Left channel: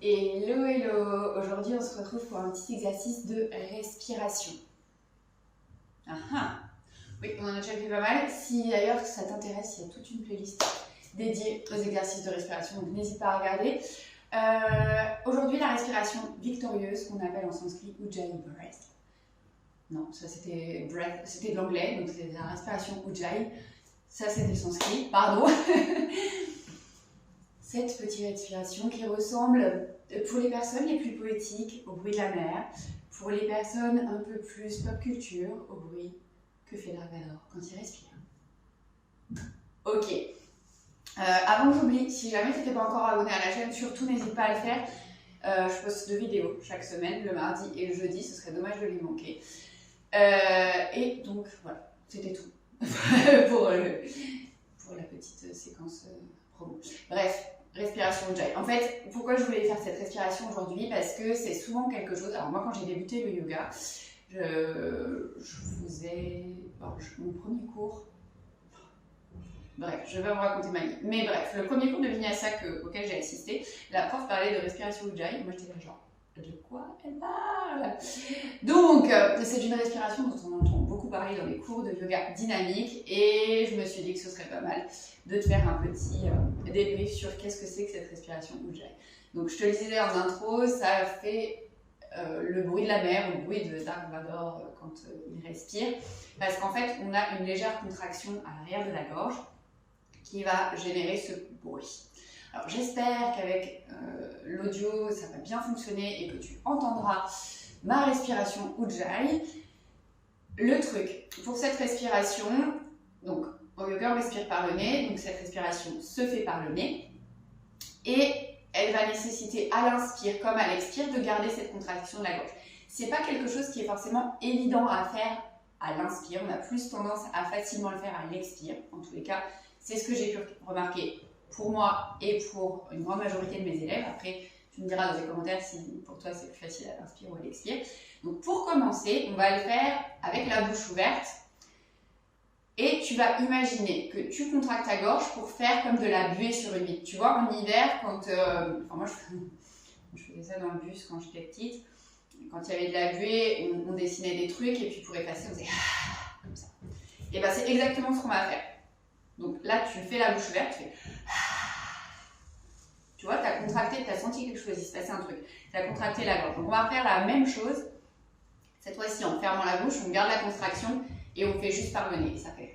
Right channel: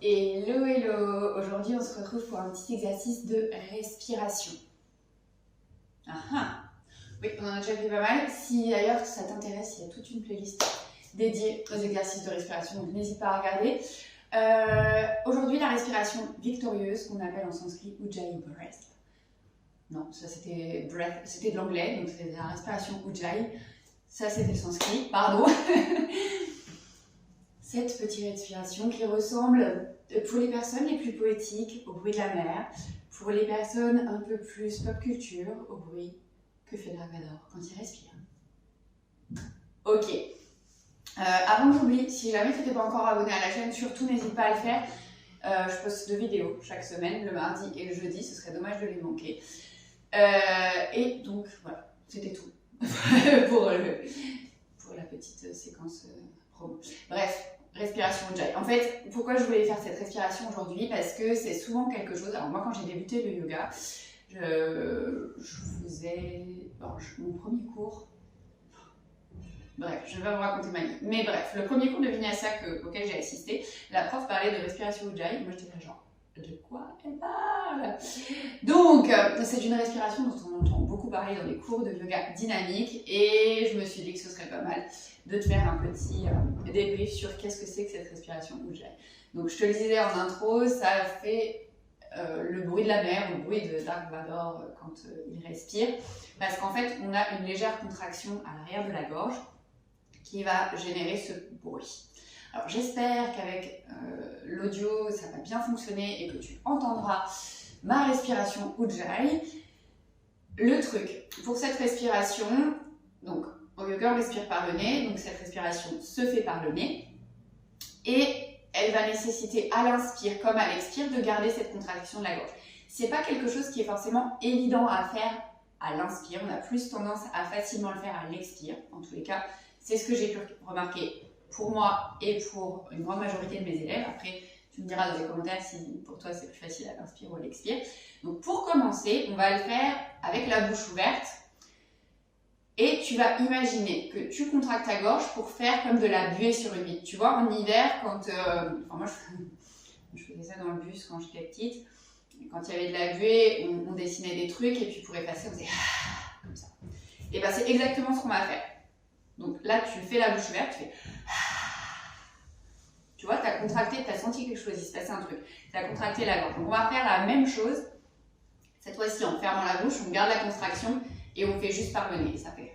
Hello, hello! Aujourd'hui, on se retrouve pour un petit exercice de respiration. Ah ah! Oui, on en a déjà fait pas mal. Si d'ailleurs ça t'intéresse, il y a toute une playlist dédiée aux exercices de respiration, donc n'hésite pas à regarder. Aujourd'hui, la respiration victorieuse, qu'on appelle en sanskrit Ujjayi Breath. Non, ça c'était breath, c'était de l'anglais, donc c'est la respiration Ujjayi. Ça c'était le sanskrit, pardon. Cette petite respiration qui ressemble, pour les personnes les plus poétiques, au bruit de la mer, pour les personnes un peu plus pop culture, au bruit que fait Dark Vador quand il respire. Ok. Avant que j'oublie, si jamais tu n'étais pas encore abonné à la chaîne, surtout n'hésite pas à le faire. Je poste 2 vidéos chaque semaine, le mardi et le jeudi, ce serait dommage de les manquer. Et donc voilà, c'était tout pour la petite séquence promo. Bref. Respiration Ujjayi. En fait, pourquoi je voulais faire cette respiration aujourd'hui? Parce que c'est souvent quelque chose... Alors moi, quand j'ai débuté le yoga, je faisais... mon premier cours... Bref, je vais pas vous raconter ma vie. Mais bref, le premier cours de Vinyasa auquel j'ai assisté, la prof parlait de respiration Ujjayi. Moi, j'étais là genre, de quoi elle parle? Donc, c'est une respiration dont on entend beaucoup parler dans les cours de yoga dynamique. Et je me suis dit que ce serait pas mal de te faire un petit débrief sur qu'est-ce que c'est que cette respiration Ujjayi. Donc, je te le disais en intro, ça fait le bruit de la mer ou le bruit de Dark Vador quand il respire. Parce qu'en fait, on a une légère contraction à l'arrière de la gorge qui va générer ce bruit. Alors j'espère qu'avec l'audio ça va bien fonctionner et que tu entendras ma respiration Ujjayi. Le truc, pour cette respiration, donc au yoga on respire par le nez, donc cette respiration se fait par le nez et elle va nécessiter à l'inspire comme à l'expire de garder cette contraction de la gorge. C'est pas quelque chose qui est forcément évident à faire à l'inspire, on a plus tendance à facilement le faire à l'expire, en tous les cas c'est ce que j'ai pu remarquer pour moi et pour une grande majorité de mes élèves. Après, tu me diras dans les commentaires si pour toi c'est plus facile à l'inspire ou à l'expire. Donc pour commencer, on va le faire avec la bouche ouverte. Et tu vas imaginer que tu contractes ta gorge pour faire comme de la buée sur une vitre. Tu vois, en hiver, quand... moi, je faisais ça dans le bus quand j'étais petite. Quand il y avait de la buée, on dessinait des trucs et puis pour effacer, on faisait comme ça. Et bien, c'est exactement ce qu'on va faire. Donc là, tu fais la bouche ouverte, tu fais... Tu vois, tu as contracté, tu as senti quelque chose, il se passait un truc. Tu as contracté la gorge. Donc on va faire la même chose. Cette fois-ci, en fermant la bouche, on garde la contraction et on fait juste par le nez. Et ça fait...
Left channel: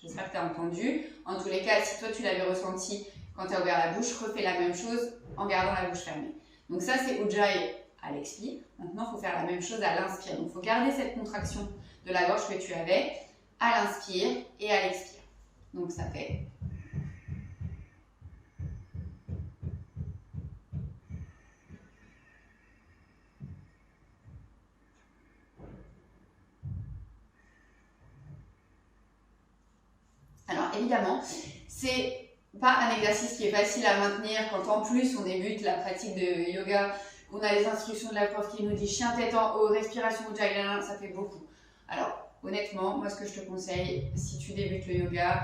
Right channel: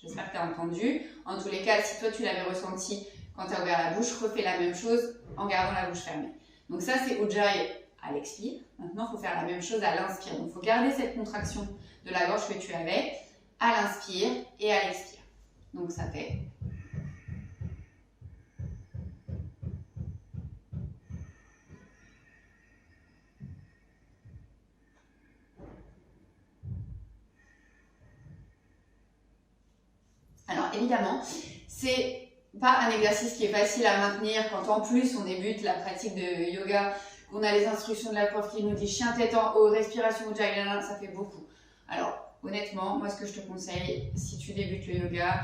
J'espère que tu as entendu. En tous les cas, si toi, tu l'avais ressenti quand tu as ouvert la bouche, refais la même chose en gardant la bouche fermée. Donc ça, c'est Ujjayi à l'expire. Maintenant, il faut faire la même chose à l'inspire. Donc il faut garder cette contraction de la gorge que tu avais à l'inspire et à l'expire. Donc ça fait... Alors évidemment, c'est pas un exercice qui est facile à maintenir quand en plus on débute la pratique de yoga, qu'on a les instructions de la prof qui nous dit chien tête en haut, respiration Ujjayi, ça fait beaucoup. Alors honnêtement, moi ce que je te conseille, si tu débutes le yoga,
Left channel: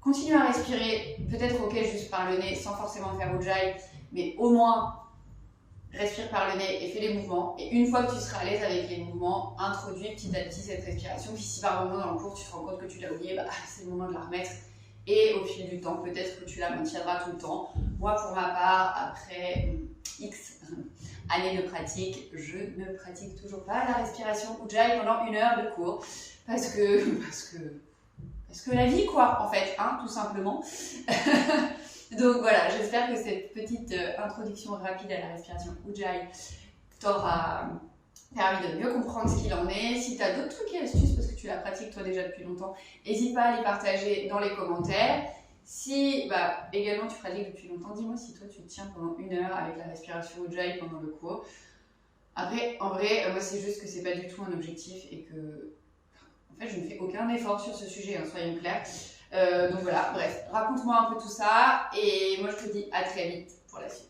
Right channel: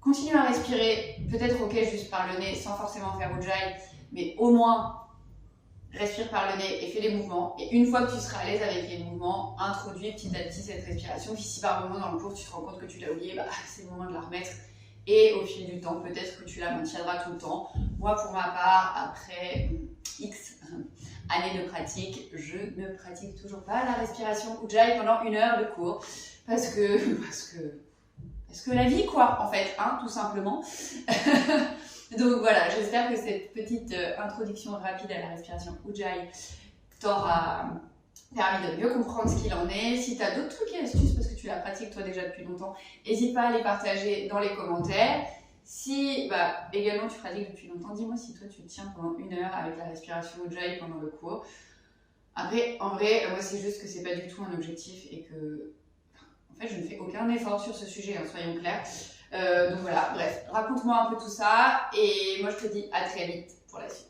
continue à respirer, peut-être ok juste par le nez, sans forcément faire Ujjayi, mais au moins respire par le nez et fais les mouvements. Et une fois que tu seras à l'aise avec les mouvements, introduis petit à petit cette respiration. Puis si par moment dans le cours tu te rends compte que tu l'as oublié, bah, c'est le moment de la remettre. Et au fil du temps, peut-être que tu la maintiendras tout le temps. Moi pour ma part, après X années de pratique, je ne pratique toujours pas la respiration Ujjayi pendant 1 heure de cours. Parce que la vie quoi, en fait, hein, tout simplement. Donc voilà, j'espère que cette petite introduction rapide à la respiration Ujjayi t'aura permis de mieux comprendre ce qu'il en est. Si tu as d'autres trucs et astuces, parce que tu la pratiques toi déjà depuis longtemps, n'hésite pas à les partager dans les commentaires. Si également tu pratiques depuis longtemps, dis-moi si toi tu tiens pendant 1 heure avec la respiration Ujjayi pendant le cours. Après, en vrai, moi c'est juste que c'est pas du tout un objectif et que... En fait, je ne fais aucun effort sur ce sujet, hein, soyons clairs. Donc voilà, bref, raconte-moi un peu tout ça et moi je te dis à très vite pour la suite.